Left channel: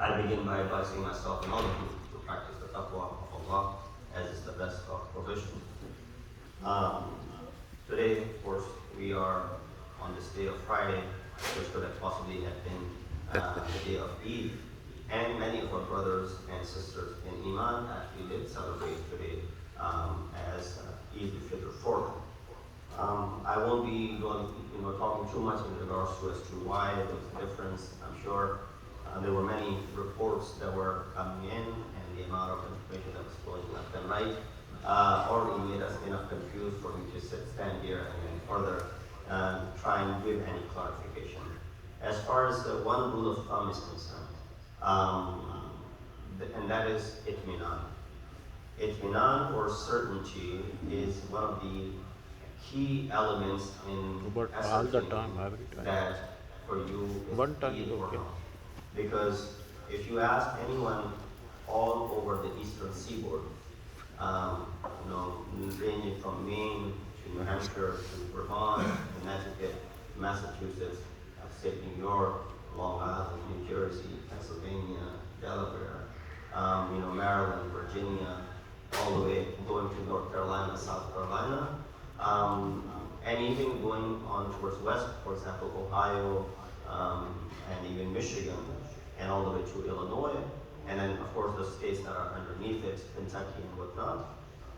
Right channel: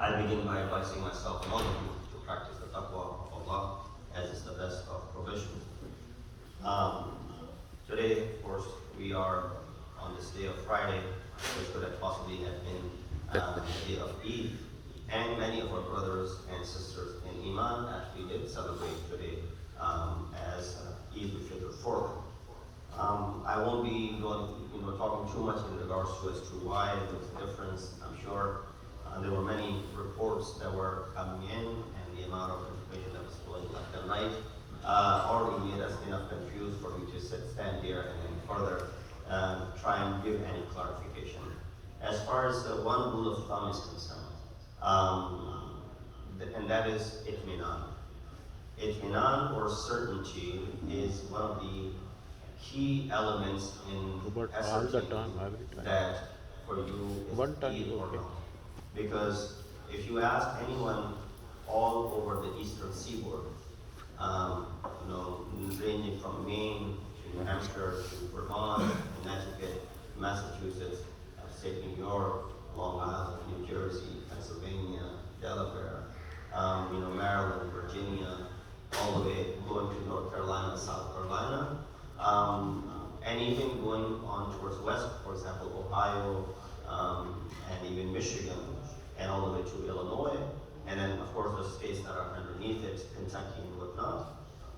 I begin by advising myself and all of you to practice the taqwa of Allah as is the best of provision. Um, Today, of course, we are on this day of Friday, which could have possibly have been the day of Eid. And many of our brothers and sisters in Iman actually did celebrate today as Eid al-Fitr for them. I won't be talking too much in regards to as to why there was a difference. I'm sure there were many reports that were coming in, and the amount of information that was flowing left and right already made us enough confused for me to stand here and then further try and give any clarification. As far as one rule of thumb is concerned, and that is itminan. Itminan, or certainty, is one of the key elements in ascertaining that for you is Eid or not. Because if you ask anyone all over the eastern seaboard, ranging from Maine to New Hampshire to Vermont, Connecticut, Massachusetts, upstate New York, Long Island, New Jersey, Pennsylvania, Delaware, Maryland, Virginia, all the way going to North Carolina, South Carolina, and even going on towards west, for example, Ohio, and even Michigan, and all the way to Illinois, and then of course the states that are underneath it, Kentucky and whatnot.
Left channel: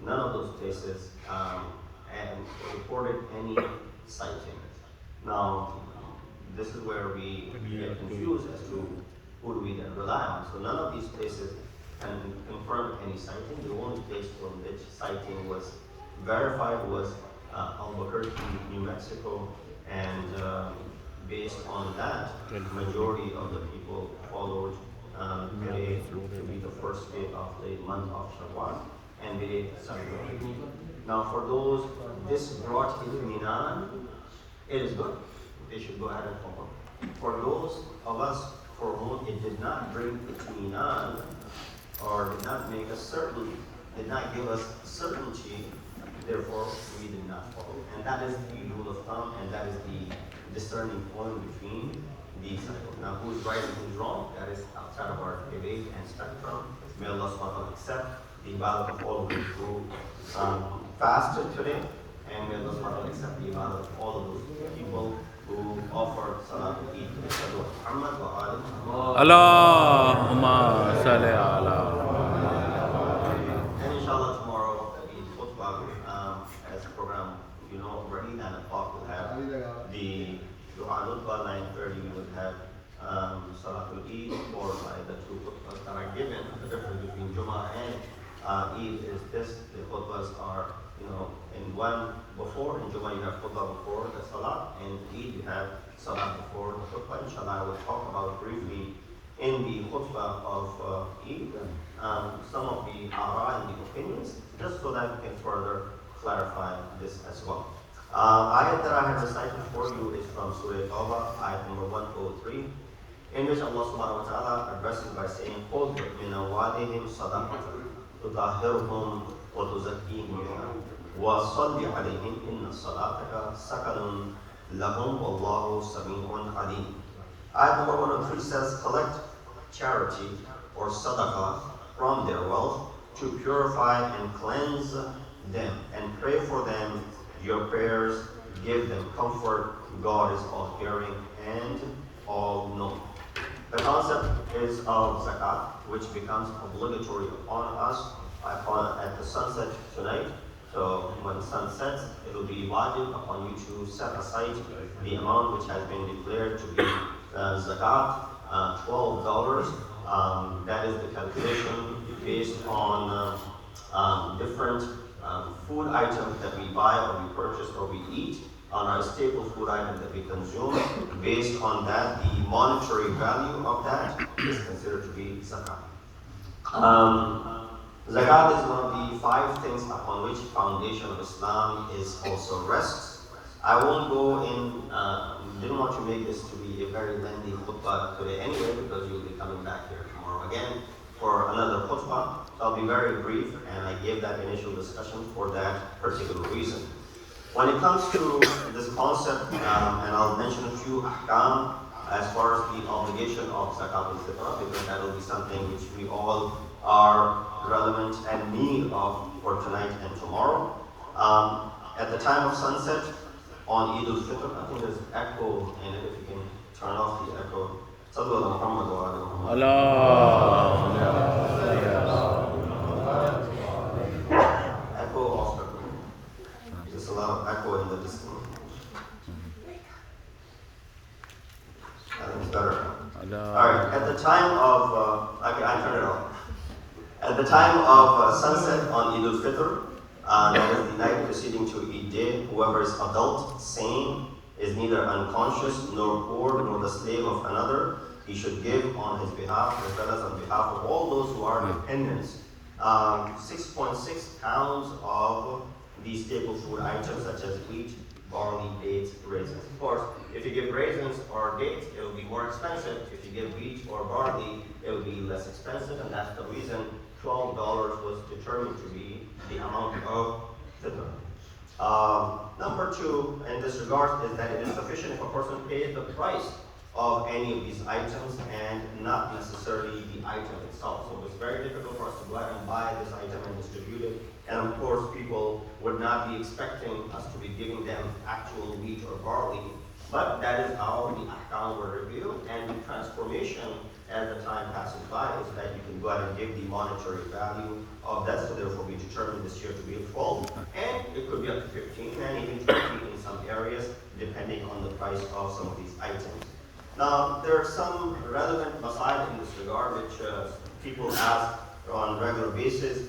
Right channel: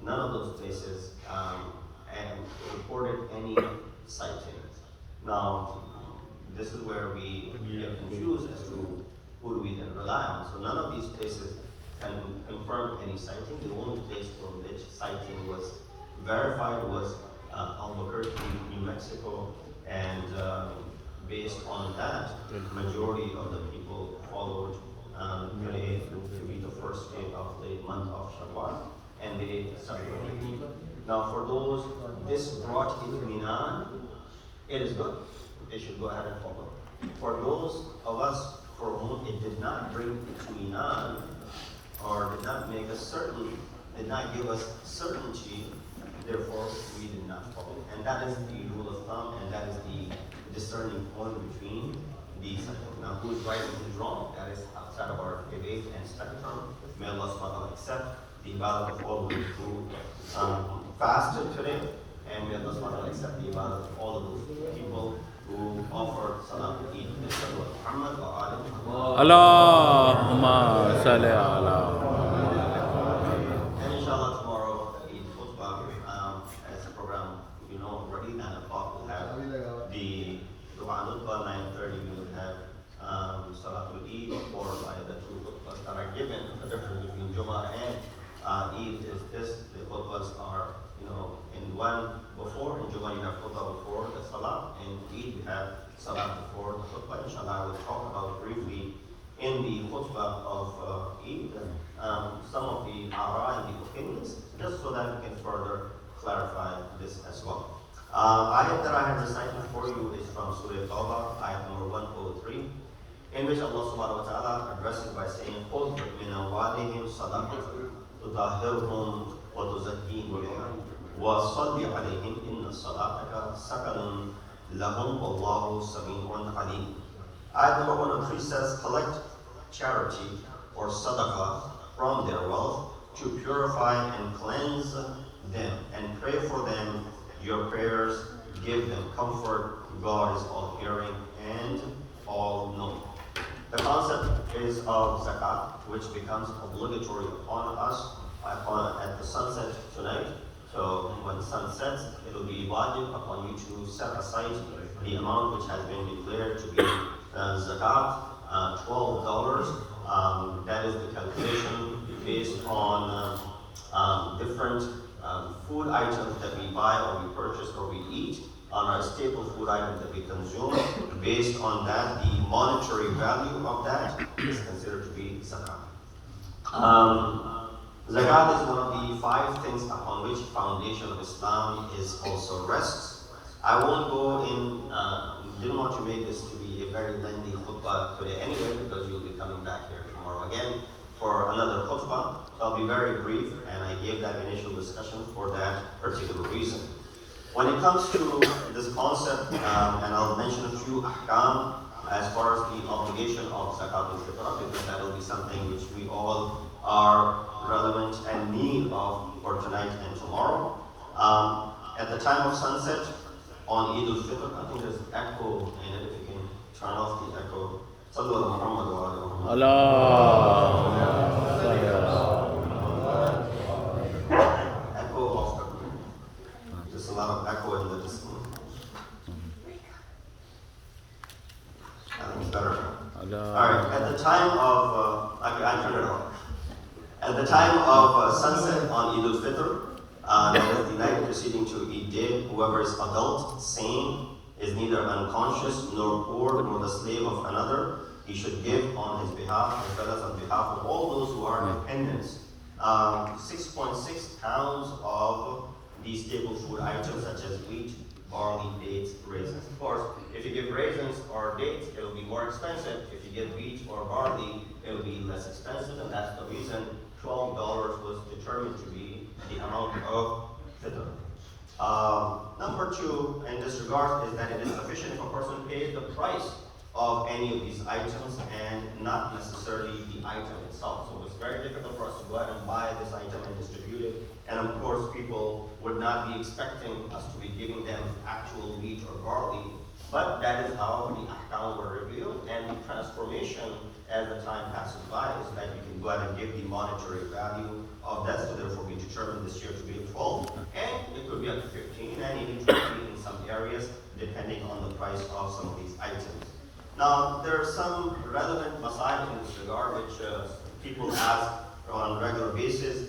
None of those places reported any sighting. Now, this is where we get confused as to who do we then rely on. So none of these places can confirm any sighting. The only place for which sighting was verified was Albuquerque, New Mexico, and based on that, the majority of the people followed today to be the first day of the month of Shawwal, and they celebrated Eid. Now, for those this brought itminan, it is good. They should go ahead and follow. For those of us for whom it did not bring itminan, or did not make us certain, did not give us certainty, therefore we did not follow. And that is the rule of thumb, and that is the discerning point between these cycles. Now, who's right and who's wrong, that is outside of our debate and spectrum. May Allah subhanahu wa ta'ala accept the ibadah of all those who fasted today, and may Allah subhanahu wa ta'ala accept the ibadah of all of those people who offered salat Eid. Muhammad wa ali Muhammad. Allahumma salli ala. And inshallah tomorrow, the Eid khutbah, as the program already, 9 o'clock we'll have the Dua al-Khutbah, 9:30 we will have Salatul Eid, followed by the two khutbahs that are given. The difference between Jumma and Eid is this: the khutbahs are, in one before. In Jumma you have khutbah before the Salah, and Eid you have Salah before the khutbah. Inshallah, I will talk about briefly in the khutbah of Eid some of the ara and the opinions, just so that we can further clarify this as well. Ayat that I have recited for you is from Surah Tawbah, ayat number 103, in which Allah subhanahu wa ta'ala addresses by saying, خُذْ مِنْ أَمْوَالِهِمْ صَدَقَةً تُطَهِّرُهُم وَتُزَكِّيهِم بِهَا وَصَلِّ عَلَيْهِمْ إِنَّ صَلَاتَكَ سَكَنٌ لَهُمْ وَاللَّهُ سَمِيعٌ عَلِيمٌ. Ayat number 103 says, collect charity or sadaqah from their wealth to purify and cleanse them, and pray for them your prayers, give them comfort. God is all hearing and all knowing. The concept is of zakat, which becomes obligatory upon us at the sunset tonight. So when the sun sets, it will be wajib upon you to set aside the amount which has been declared to be zakat, $12. That is the calculation based on different food items that we buy or we purchase or we eat, on our staple food items that we consume. Based on that, the monetary value of that is considered to be zakat. Zakat is one of the 5 things upon which foundation of Islam is also rests. I won't go in, didn't want to make this to be a very lengthy khutbah today anyway, because you'll be coming back here tomorrow again for another khutbah. So I'll be very brief, and I gave that initial discussion for that particular reason. When it comes to this concept, and I'll mention a few ahkam, as far as the obligation of zakat al-fitr, because that will be something which we all are relevant and need of for tonight and tomorrow. At the time of sunset on Eid al-Fitr, I think there's echo in it. If you can turn off the echo. Sallu ala Muhammad wa ala Muhammad. Echo off the room. There's a lot of echo in the display. I think it's better now. Alright, at the time of, I turned it off. At the time of sunset on Eid al-Fitr, that is the night preceding to Eid day, whoever is adult, sane, is neither unconscious nor poor nor the slave of another, he should give on his behalf as well as on behalf of all those who are dependents. 6.6 pounds of these staple food items such as wheat, barley, dates, raisins. Of course, if you give raisins or dates, it will be more expensive. If you give wheat or barley, it will be less expensive, and that's the reason $12 was determined to be the amount of fitr. Number two, in this regard, is that it is sufficient if a person pays the price of any of these items and not necessarily the item itself. So it's very difficult for us to go out and buy this item and distribute it. And of course, people would not be expecting us to be giving them actual wheat or barley. But that is how the ahkam were revealed, and the transformation as the time passes by is that you can go out and give the monetary value of that. So therefore, we determined this year to be 12, and it could be up to 15 and even 20 in some areas, depending on the price of some of these items. Now, there are some relevant masail in this regard which people ask on a regular basis.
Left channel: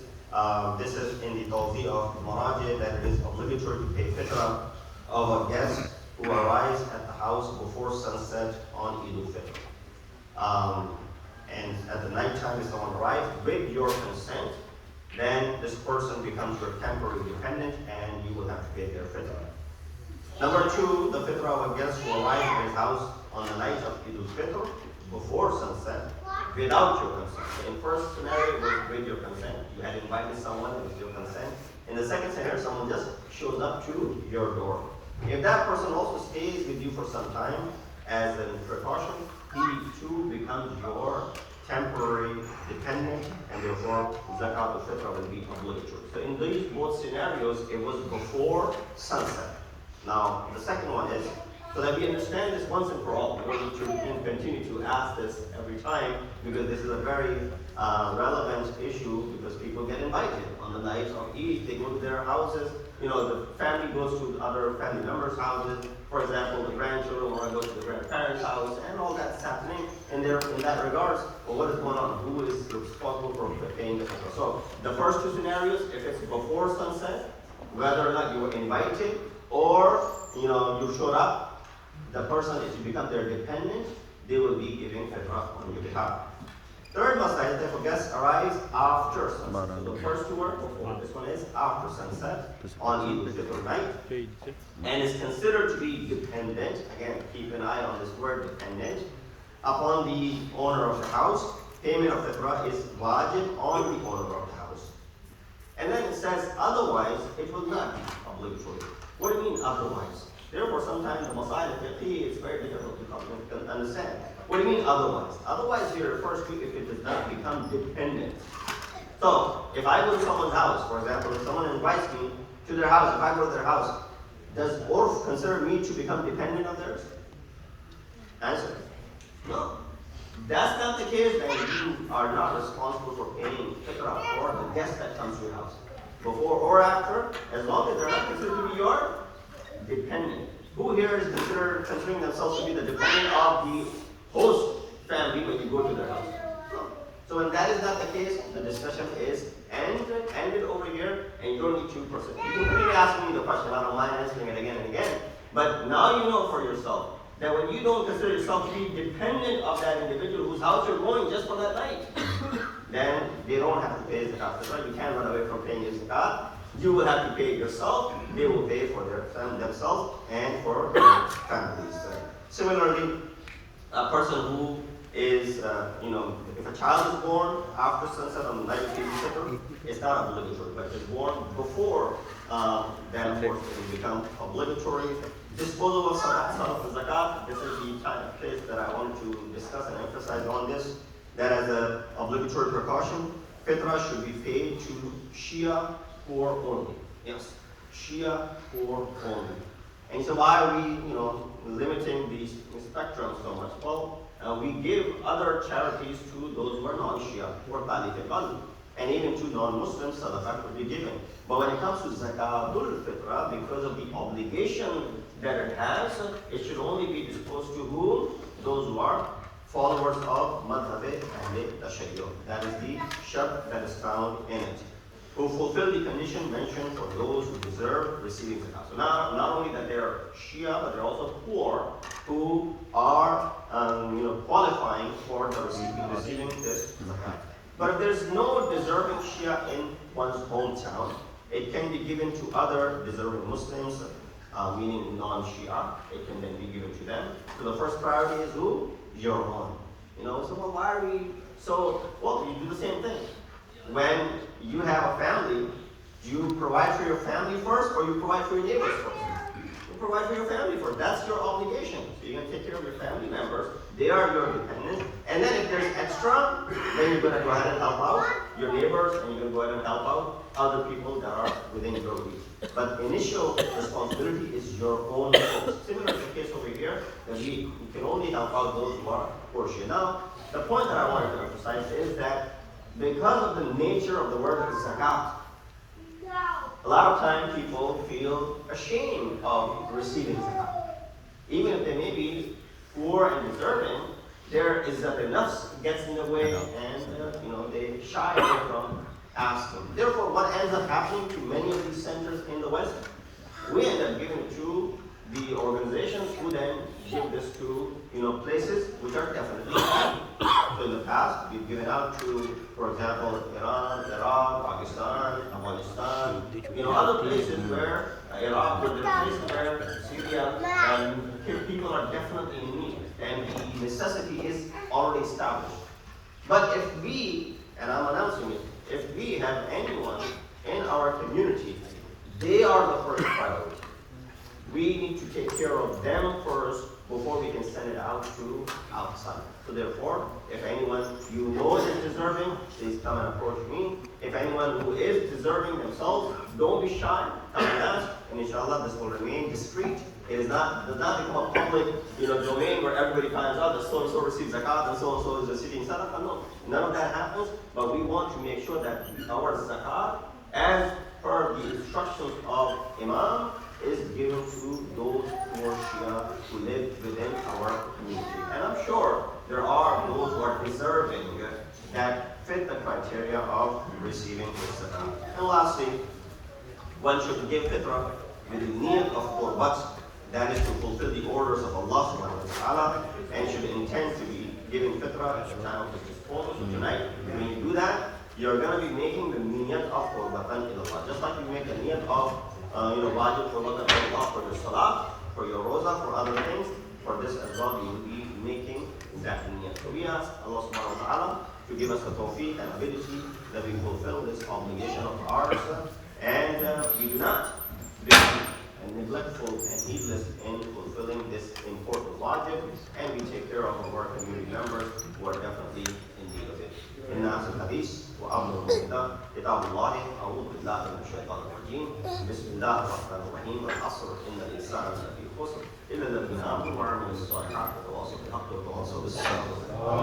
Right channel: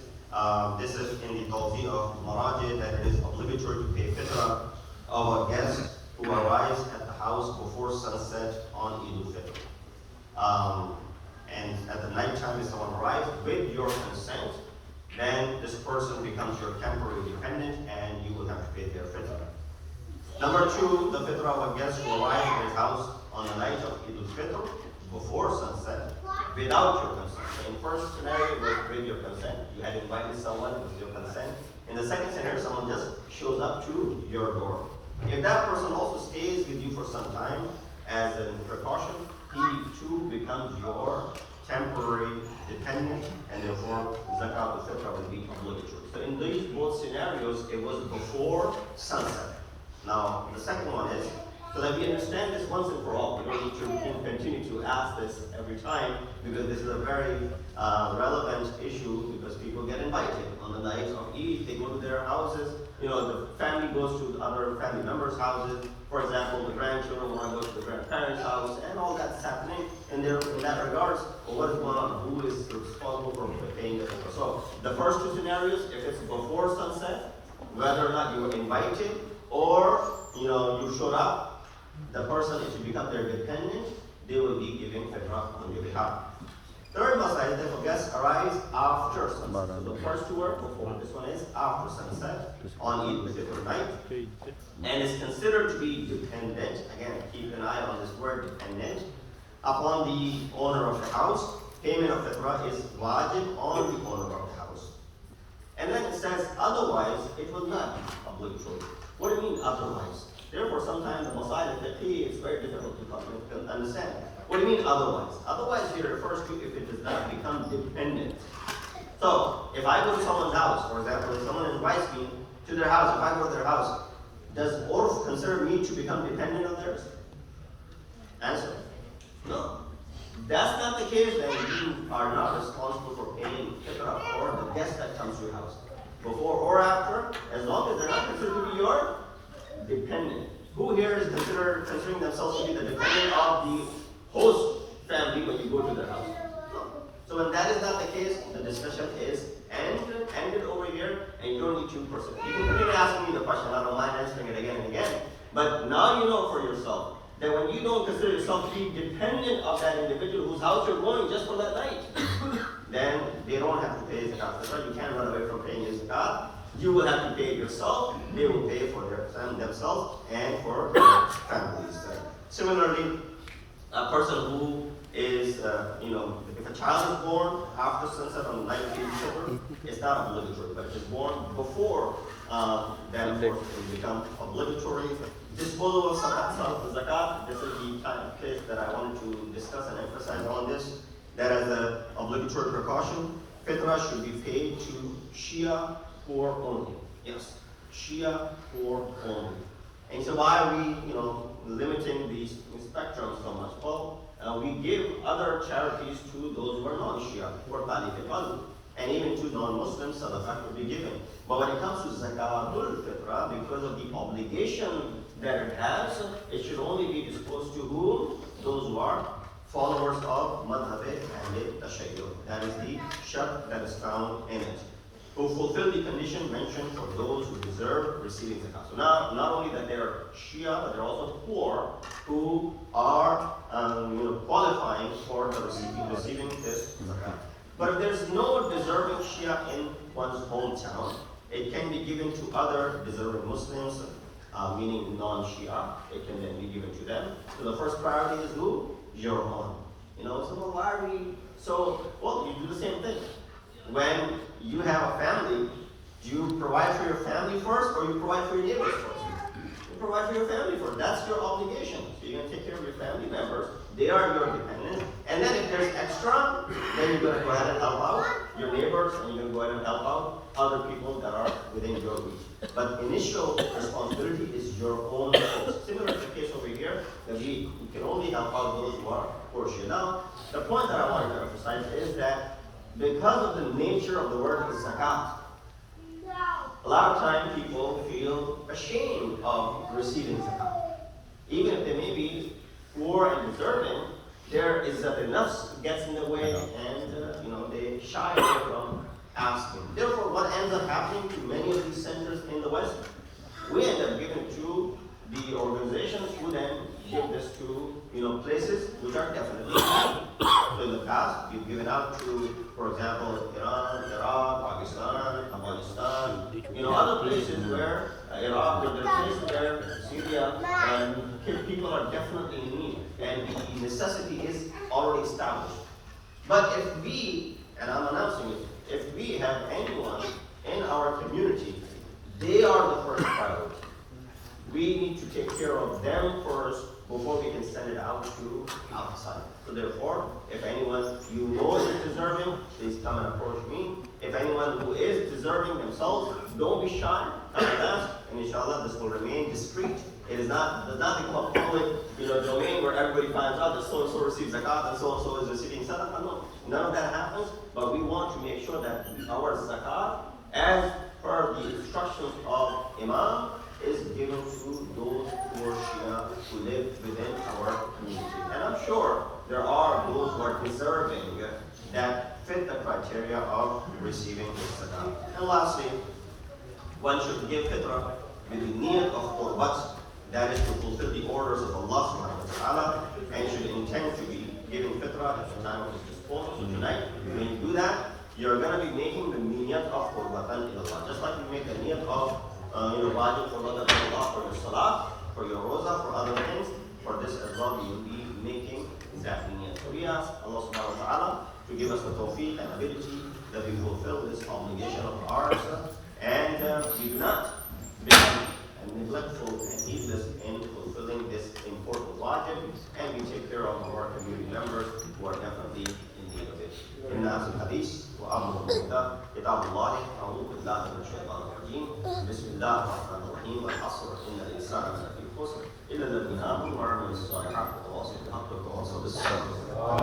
This is in the Tawzi of Maraji, that it is obligatory to pay fitrah of a guest who arrives at the house before sunset on Eid al-Fitr. And at the night time, if someone arrives with your consent, then this person becomes your temporary dependent and you will have to pay their fitrah. Number two, the fitrah of a guest who arrives at his house on the night of Eid al-Fitr before sunset without your consent. So in first scenario, it was with your consent. You had invited someone with your consent. In the second scenario, someone just shows up to your door. If that person also stays with you for some time as a precaution, he too becomes your temporary dependent, and therefore zakat al-fitr will be obligatory. So in these both scenarios, it was before sunset. Now, the second one is, so that we understand this once and for all, we don't need to continue to ask this every time, because this is a very relevant issue, because people get invited on the night of Eid, they go to their houses, the family goes to other family members' houses. For example, the grandchildren want to go to the grandparents' house, and all that's happening. And in that regards, well, what is going on? Who is responsible for paying the fitrah? So the first two scenarios, if it's before sunset, whether or not you were invited or you showed up, the person, if you become their dependent, they will be giving fitrah on your behalf. Third masail, if a guest arrives after sunset. So the first two were before, this one is after sunset on Eid al-Fitr night, and is considered to be dependent. Again, keep an eye on this word, dependent, upon the owner of the house. Payment of fitrah is wajib on the owner of the house. And then it says, otherwise, it will not be obligatory. What do you mean otherwise? Therefore, sometimes the masail al-fiqhi is very difficult to understand. What do you mean otherwise? Otherwise here refers to if it does not become dependent. So, if I go to someone's house, for example, if someone invites me to their house, if I go to their house, does Urf consider me to become dependent of theirs? Answer: no. That's not the case, then you are not responsible for paying fitrah for the guest that comes to your house. Before or after, as long as they're not considered to be your dependent. Who here is considering themselves to be the dependent of the host family when you go to their house? So when that is not the case, the discussion is ended over here, and you don't need to pursue. You can continue asking me the question, I don't mind answering it again and again, but now you know for yourself that when you don't consider yourself to be dependent of that individual whose house you're going just for that night, then they don't have to pay zakat. That's why you can't run away from paying your zakat. You will have to pay it yourself. They will pay for themselves and for their families. Similarly, a person who is, if a child is born after sunset on the night of Eid al-Fitr, it's not obligatory, but if it's born before, then of course it will become obligatory. Disposal of zakat. This is the kind of place that I wanted to discuss and emphasize on this. That as an obligatory precaution, fitrah should be paid to Shia poor only. Yes, Shia poor only. And so why are we, limiting the spectrum so much? Well, we give other charities to those who are non-Shia, who are Talib al-Qalb, and even to non-Muslims, sadaqah could be given. But when it comes to zakatul fitrah, because of the obligation that it has, it should only be disposed to whom? Those who are followers of madhab Ahl-e-Tashayyu. That is the shart that is found in it. Who fulfill the condition mentioned for those who deserve receiving zakat. So now, not only that they're Shia, but they're also poor who are qualifying for the receiving this zakat. But if there's no deserving Shia in one's hometown, it can be given to other deserving Muslims, meaning non-Shia. It can then be given to them. So the first priority is who? Your own. So well, why are we? Well, you do the same thing. When you have a family, do you provide for your family first or you provide for your neighbors first? You provide for your family first. That's your obligation. So you're going to take care of your family members. They are your dependents. And then if there's extra, then you're going to go ahead and help out your neighbors and you're going to go ahead and help out other people that are within your reach. But initial responsibility is your own folks. Similar to the case over here, that we can only help out those who are poor. Now, the point that I wanted to emphasize is that because of the nature of the word zakat, a lot of times people feel ashamed of receiving zakat. Even if they may be poor and deserving, there is that enough gets in the way and they shy away from asking. Therefore, what ends up happening to many of these centers in the West, we end up giving to the organizations who then give this to places which are definitely happy. So in the past, you've given out to, for example, Iran, Iraq, Pakistan, Afghanistan, other places where Iraq, where there are places where Syria, people are definitely in need, and the necessity is already established. But if we, and I'm announcing it, if we have anyone in our community, they are the first priority. We need to take care of them first before we can send it out to outside. So therefore, if anyone is deserving, please come and approach me. If anyone who is deserving themselves, don't be shy, come and ask, and inshallah this will remain discreet. It does not become a public domain where everybody finds out that so-and-so receives zakat and so-and-so is receiving sadaqah. No, none of that happens, but we want to make sure that our zakat, as per the instructions of Imam, is given to those who are Shia who live within our community. And I'm sure there are those who are deserving that fit the criteria of receiving this zakat. And lastly, one should give fitrah with the niyat of qurbat, that is to fulfill the orders of Allah subhanahu wa ta'ala, and should intend to be giving fitrah at the time of his disposal. So tonight, when you do that, you're going to be making the niyat of qurbatan ilallah. Just like you make the niyat of wajib qurbatan ilallah for your salah, for your roza, for other things, for this as well, you will be making that niyat. So we ask Allah subhanahu wa ta'ala to give us the tawfiq and ability that we fulfill this obligation of ours, and we do not become neglectful and heedless in fulfilling this important wajib, and we take care of our community members who are definitely in need of it. إن هذا الحديث وأمر المؤمنين كتاب الله أعوذ بالله من الشيطان الرجيم بسم الله الرحمن الرحيم والعصر إن الإنسان لفي خسر إلا الذين آمنوا وعملوا الصالحات وتواصوا بالحق وتواصوا بالصبر.